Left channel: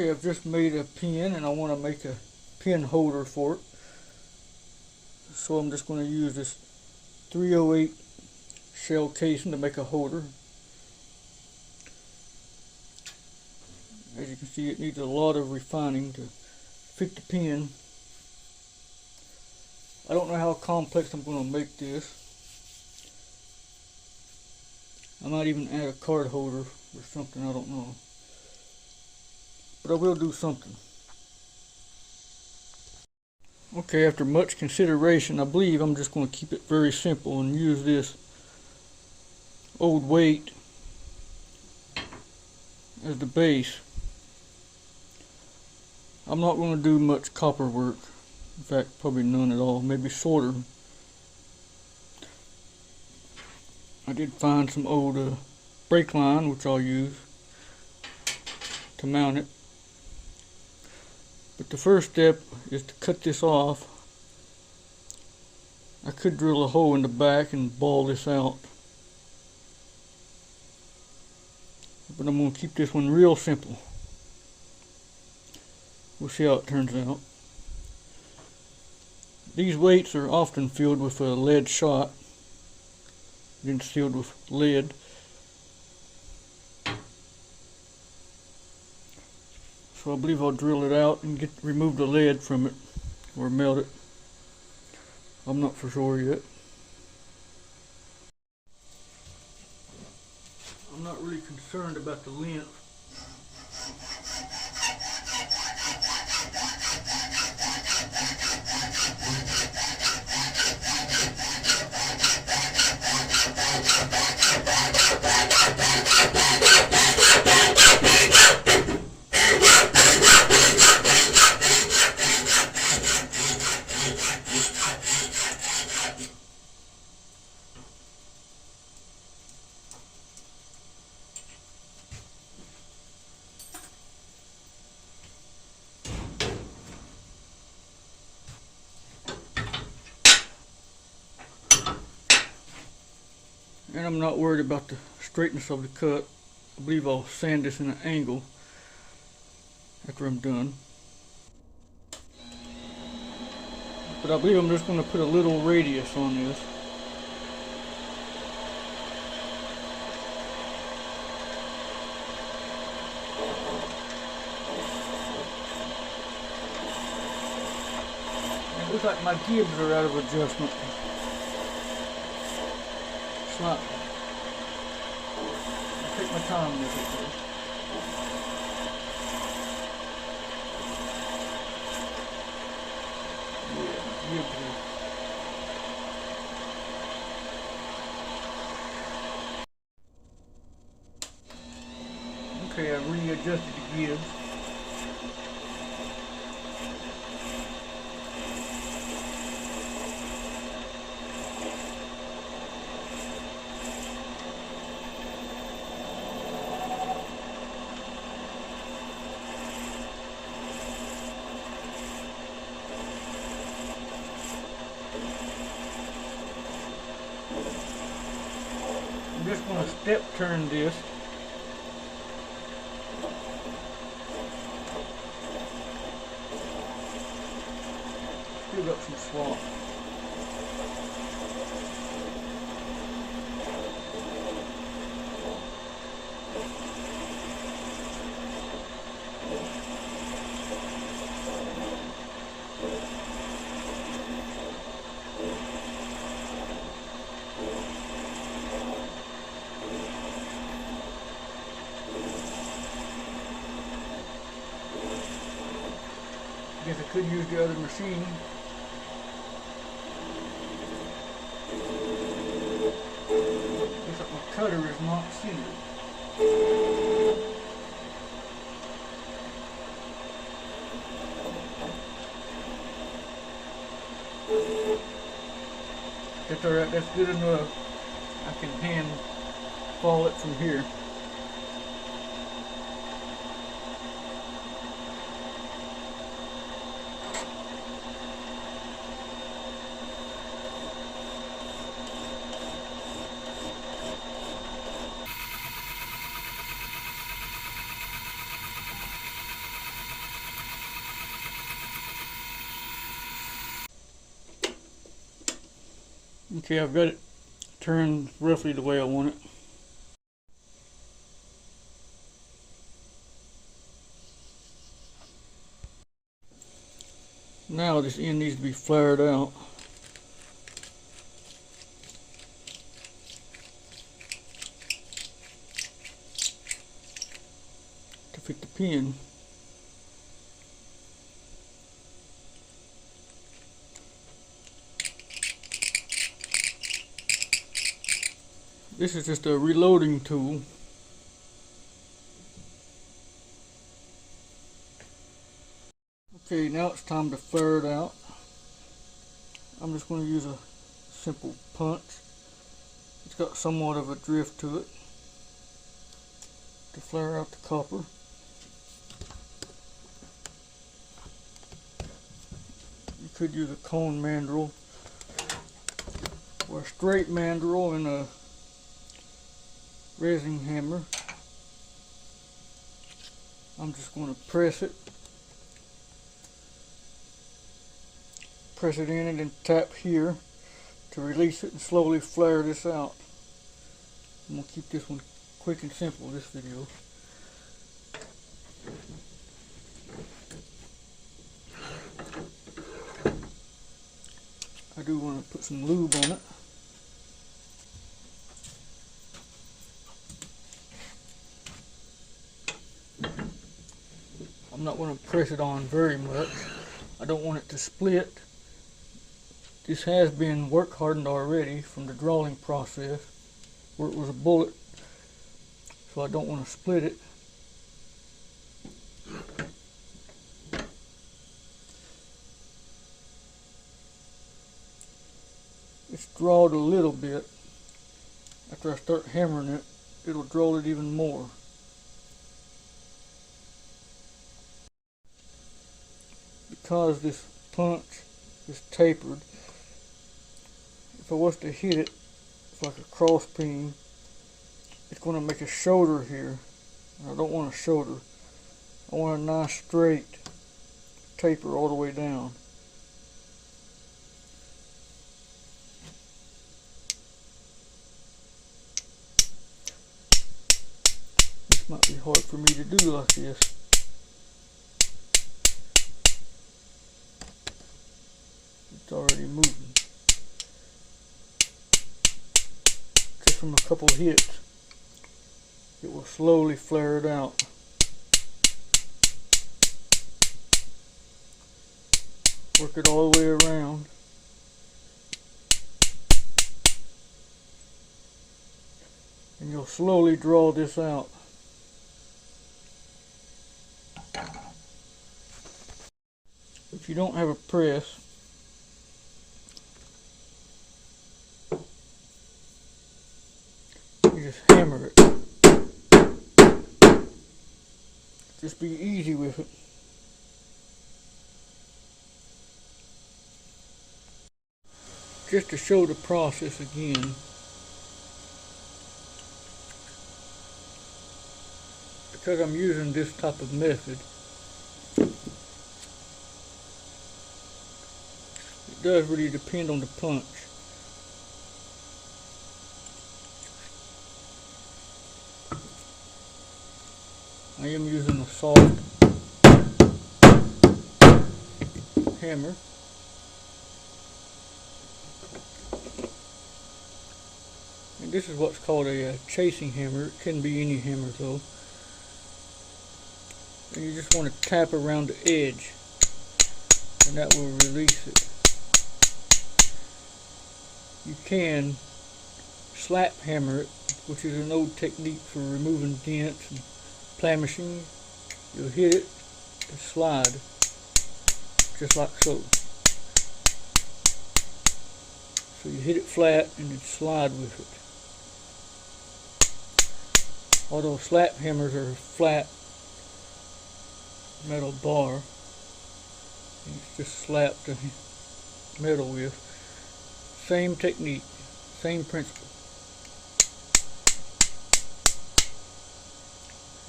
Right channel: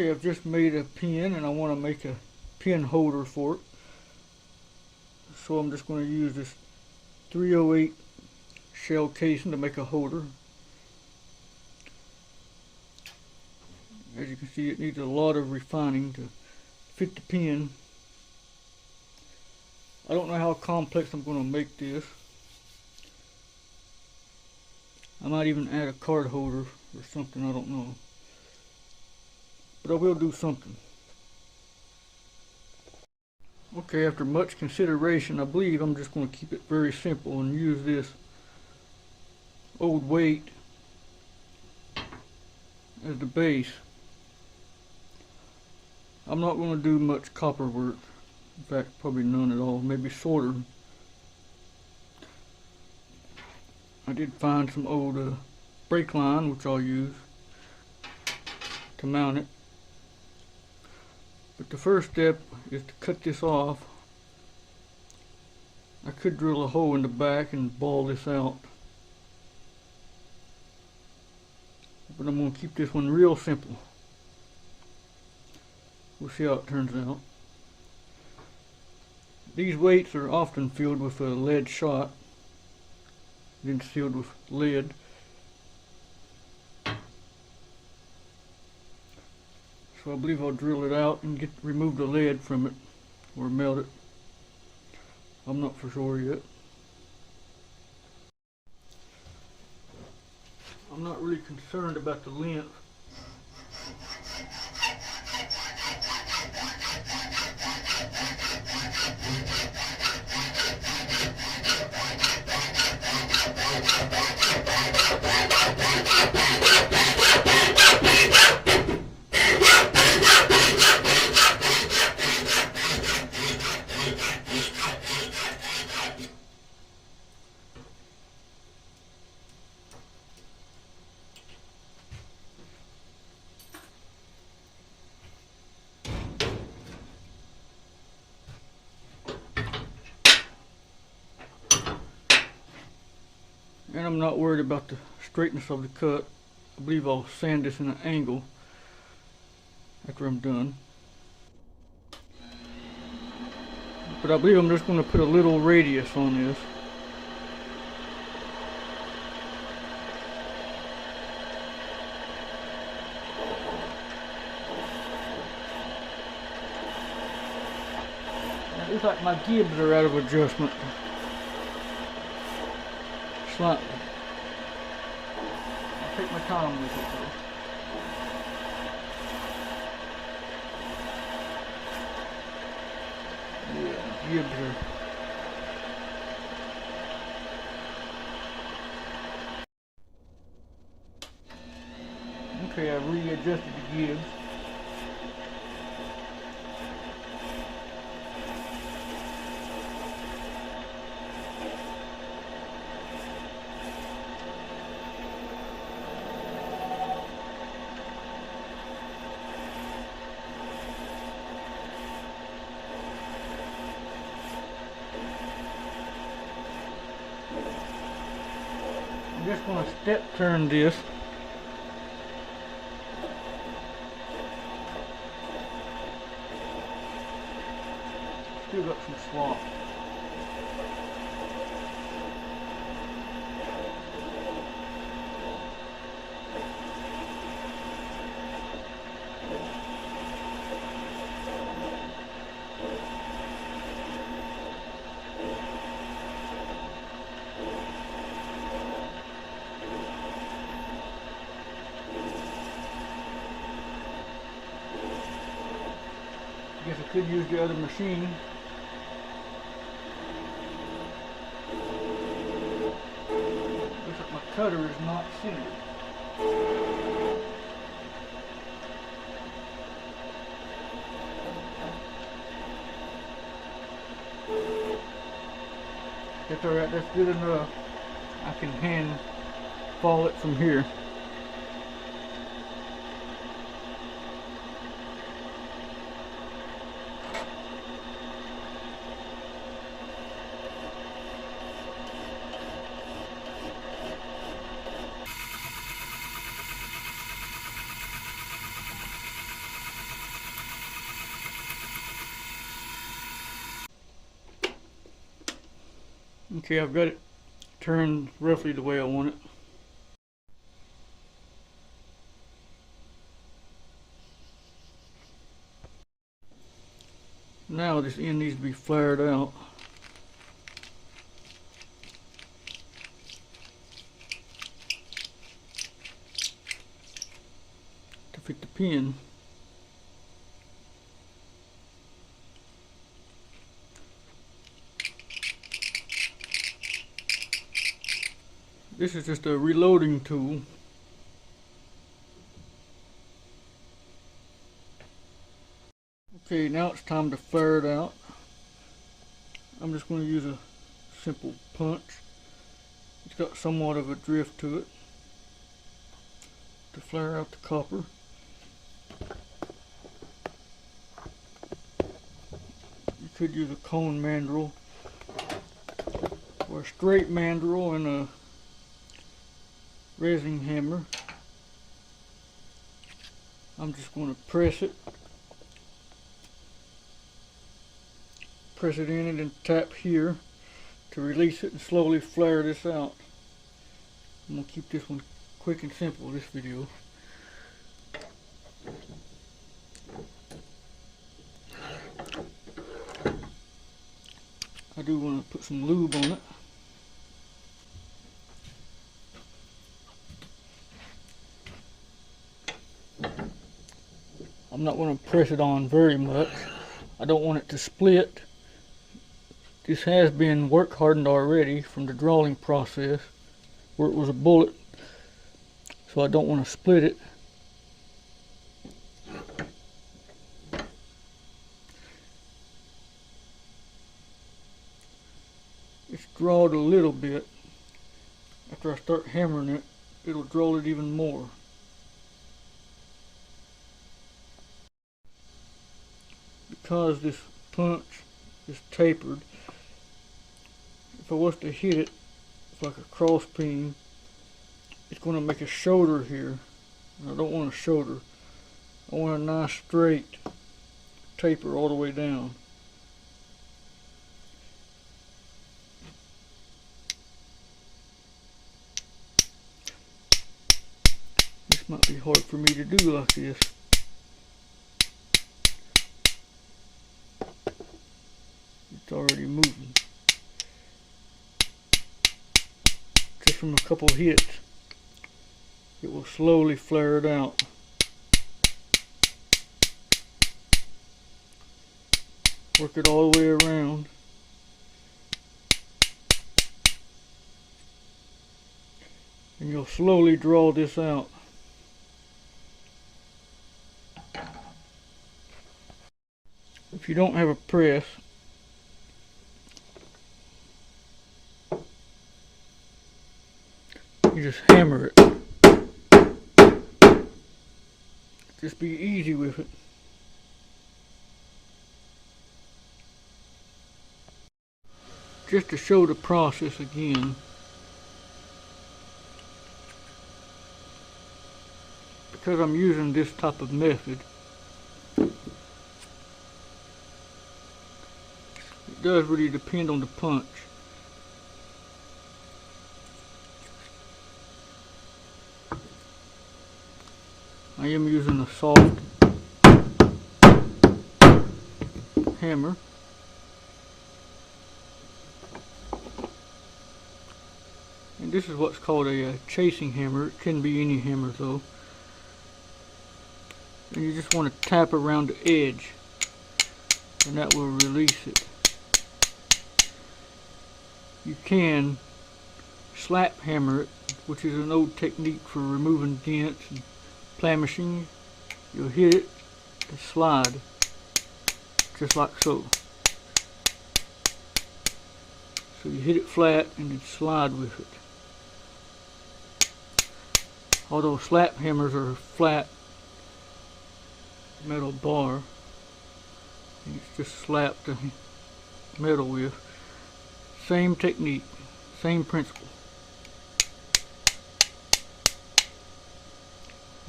Okay, I've just made a pin and I want to make a pin holder for it. So I'm just going to use this 308 shell casing to make a holder. As you can see, it needs a lot of refining to fit the pin. I don't know how complex I'm going to make this. I might even add a card holder or something, I don't know. But I will do something. Okay, after much consideration, I believe I'm just going to keep it very simple and use this old weight as the base. I'm not going to do much copper work. In fact, probably none at all, maybe shorter. I did find some old brake line, which I'll use to mount it. But the first step is to cut this off. I could drill a hole in the back and ball this out. But I'm going to keep this one real simple. We'll see how it turns out. These weights are often filled with a lead shot, then sealed with lead. So I believe I'll drill it out and remove the lead from it, or melt it. I'm not for sure yet. I'm not really concerned about the length. And I'm not worried about the straightness of the cut. I believe I'll sand this in an angle after I'm done. But I believe I'm just going to put a little radius on this. It looks like my gibs are out of adjustment. Slightly. I'll take my time with it though. Yeah, gibs are. Okay, I've readjusted the gibs. I'm just going to step turn this. Still got some swamp. I guess I could use the other machine. Looks like my cutter is not centered. That's alright, that's good enough. I can hand fall it from here. Okay, I've got it turned roughly the way I want it. Now this end needs to be flared out. To fit the pin. This is just a reloading tool. Okay, now it's time to flare it out. I'm just going to use a simple punch. It's got somewhat of a drift to it to flare out the copper. You could use a cone mandrel or a straight mandrel and a resin hammer. I'm just going to press it in it and tap here to release it and slowly flare this out. I'm going to keep this one quick and simple, this video. I do want to put some lube on it. I'm not going to press it on very much. I don't want it to split. This has been work hardened already from the drawing process where it was a bullet, so I don't want to split it. It's drawed a little bit. After I start hammering it, it'll draw it even more. Because this punch is tapered, if I was to hit it like a cross peen, it's going to make a shoulder here. I don't want a shoulder. I want a nice straight taper all the way down. This might be hard for me to do like this. It's already moving. Just from a couple hits, it will slowly flare it out. Work it all the way around. And you'll slowly draw this out. If you don't have a press, you just hammer it. Just be easy with it. Just to show the process again, because I'm using this type of method, it does really depend on the punch. I am using a soft hammer. And this is what's called a chasing hammer. It can be any hammer though. And you just want to tap around the edge, and that will release it. You can slap hammer it, which is an old technique for removing dents and plamishing. You'll hit it and slide, just like so. So you hit it flat and then slide with it. Although slap hammers are flat metal bar, and it's just slapped the metal with. Same technique, same principle.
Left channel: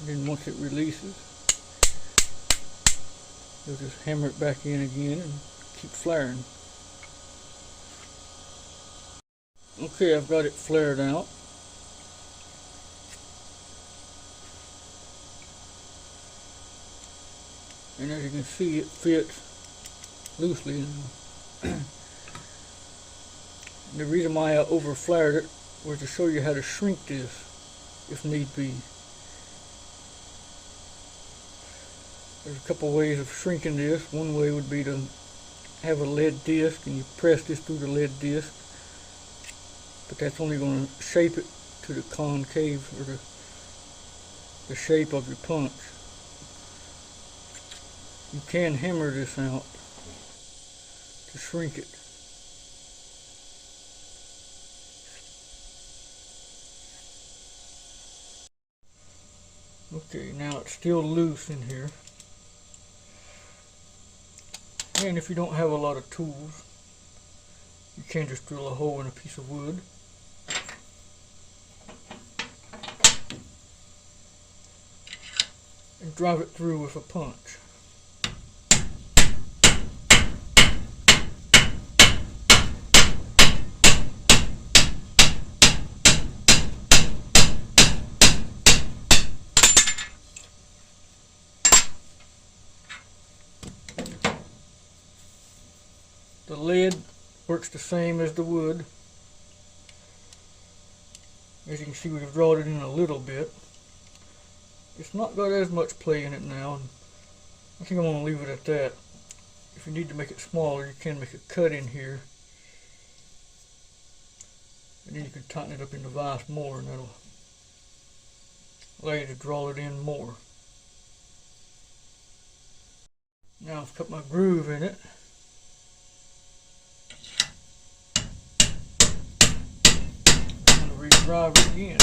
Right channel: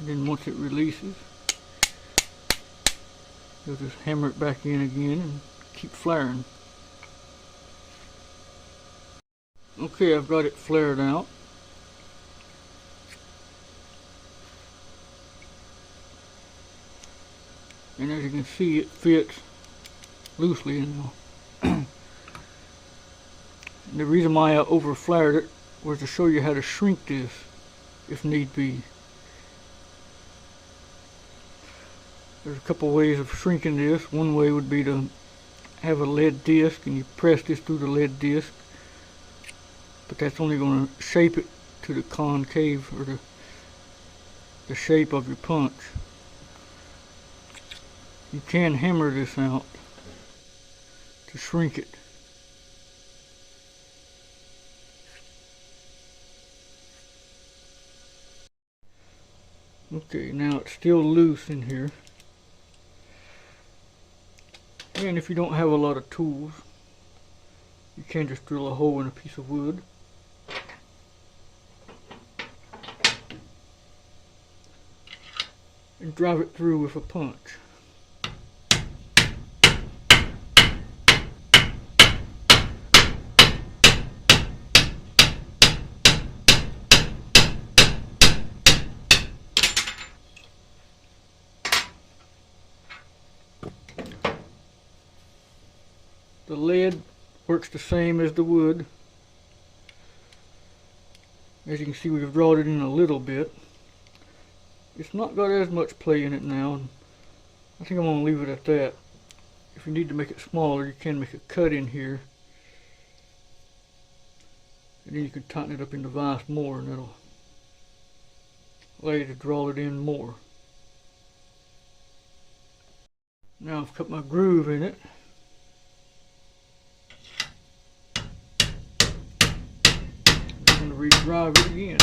And then once it releases, you'll just hammer it back in again and keep flaring. Okay, I've got it flared out. And as you can see, it fits loosely now. The reason why I over flared it was to show you how to shrink this if need be. There's a couple ways of shrinking this. One way would be to have a lead disc and you press this through the lead disc, but that's only going to shape it to the concave or the shape of your punch. You can hammer this out to shrink it. Okay, now it's still loose in here. And if you don't have a lot of tools, you can just drill a hole in a piece of wood. And drive it through with a punch. The lead works the same as the wood. As you can see, we've drawn it in a little bit. It's not got as much play in it now. I think I'm going to leave it at that. If you need to make it smaller, you can make a cut in here. And then you can tighten it up in the vise more, and it'll allow you to draw it in more. Now I've cut my groove in it. I'm going to re-drive it again.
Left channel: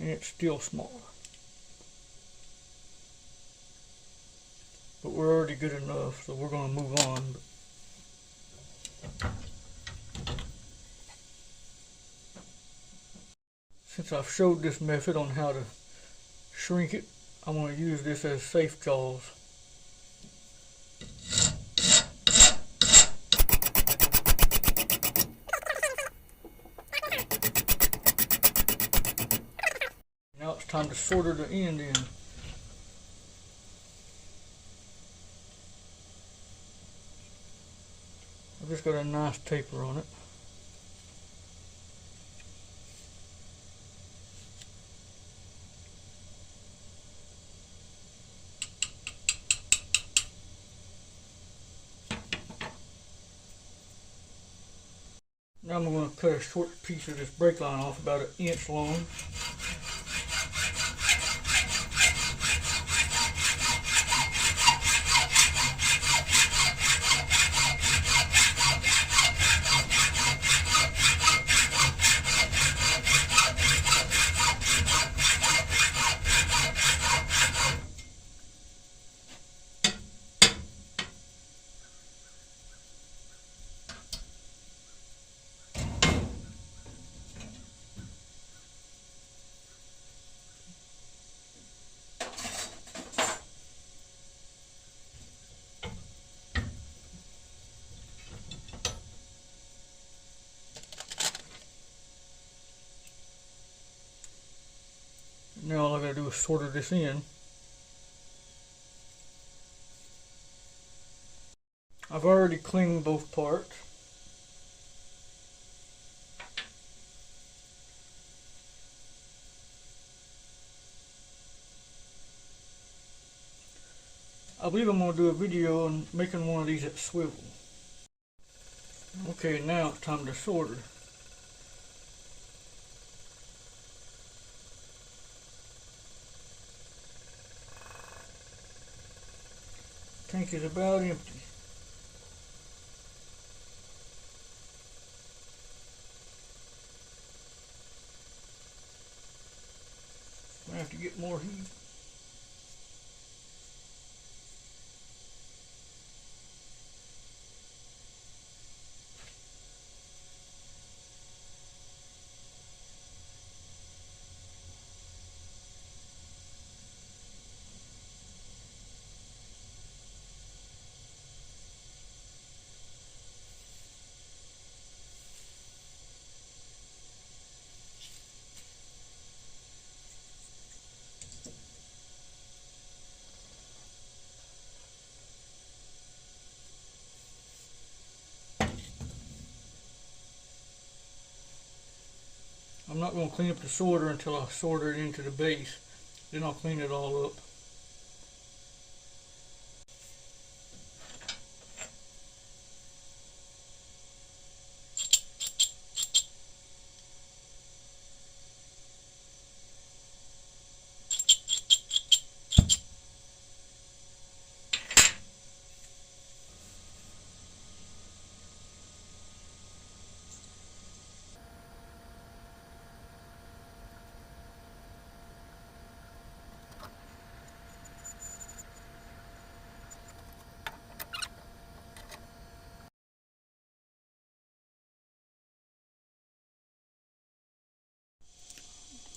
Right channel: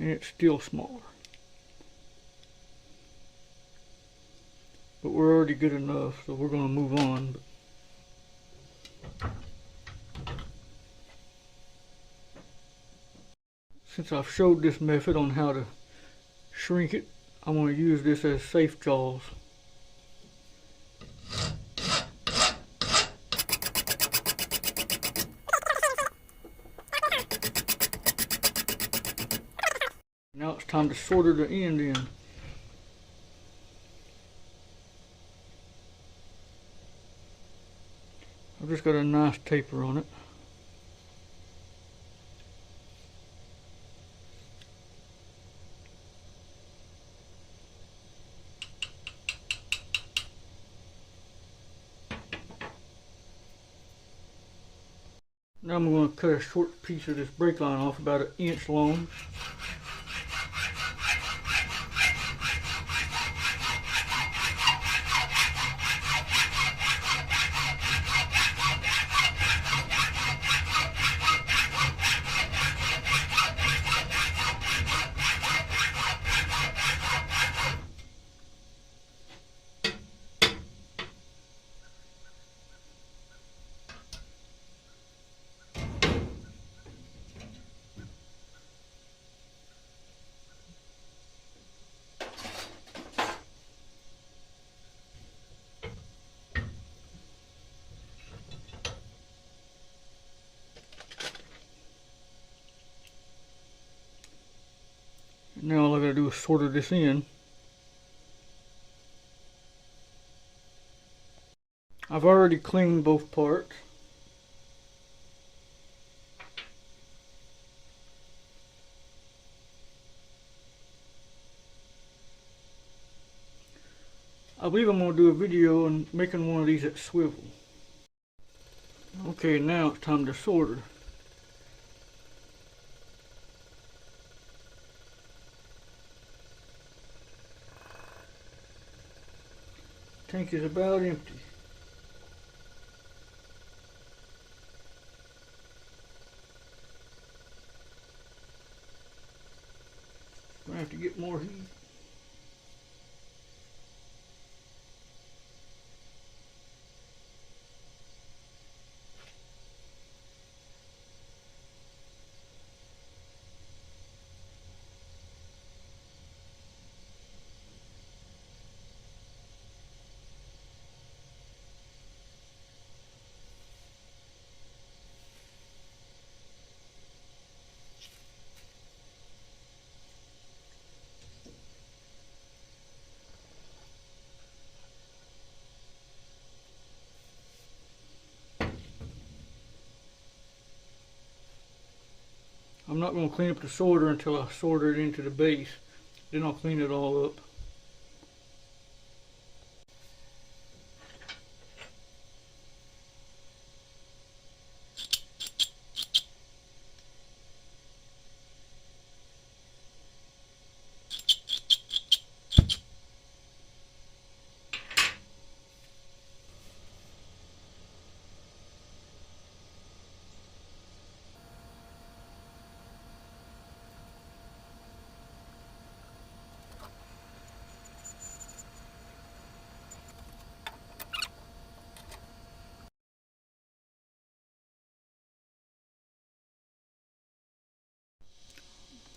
And it's still smaller. But we're already good enough, so we're going to move on. Since I've showed this method on how to shrink it, I'm going to use this as safe jaws. Now it's time to solder the end in. I've just got a nice taper on it. Now I'm going to cut a short piece of this brake line off, about 1 inch long. Now all I gotta do is solder this in. I've already cleaned both parts. I believe I'm going to do a video on making one of these that swivel. Okay, now it's time to solder. Tank is about empty. I have to get more heat. not going to clean up the solder until I solder it into the base. Then I'll clean it all up.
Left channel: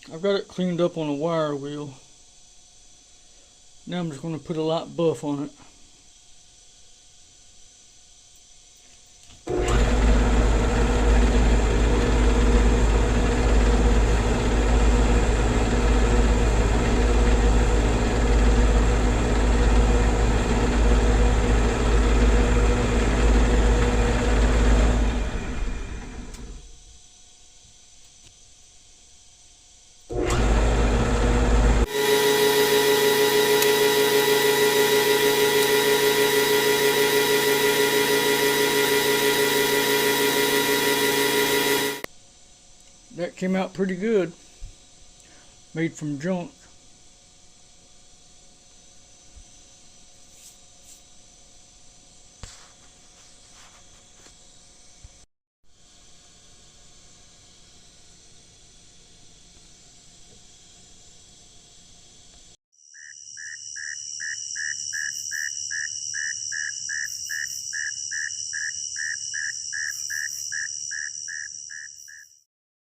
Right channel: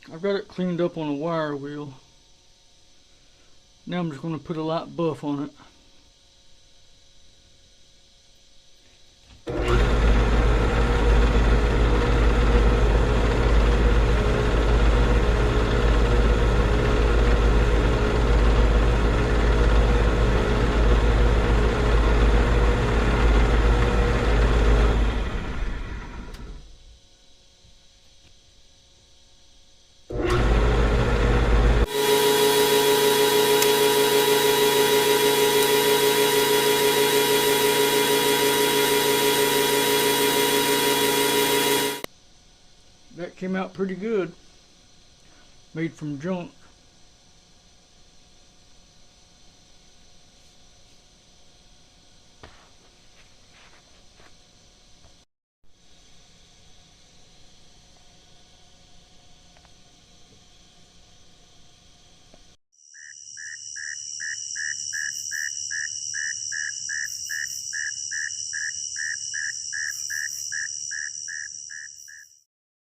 I've got it cleaned up on a wire wheel. Now I'm just going to put a light buff on it. That came out pretty good. Made from junk.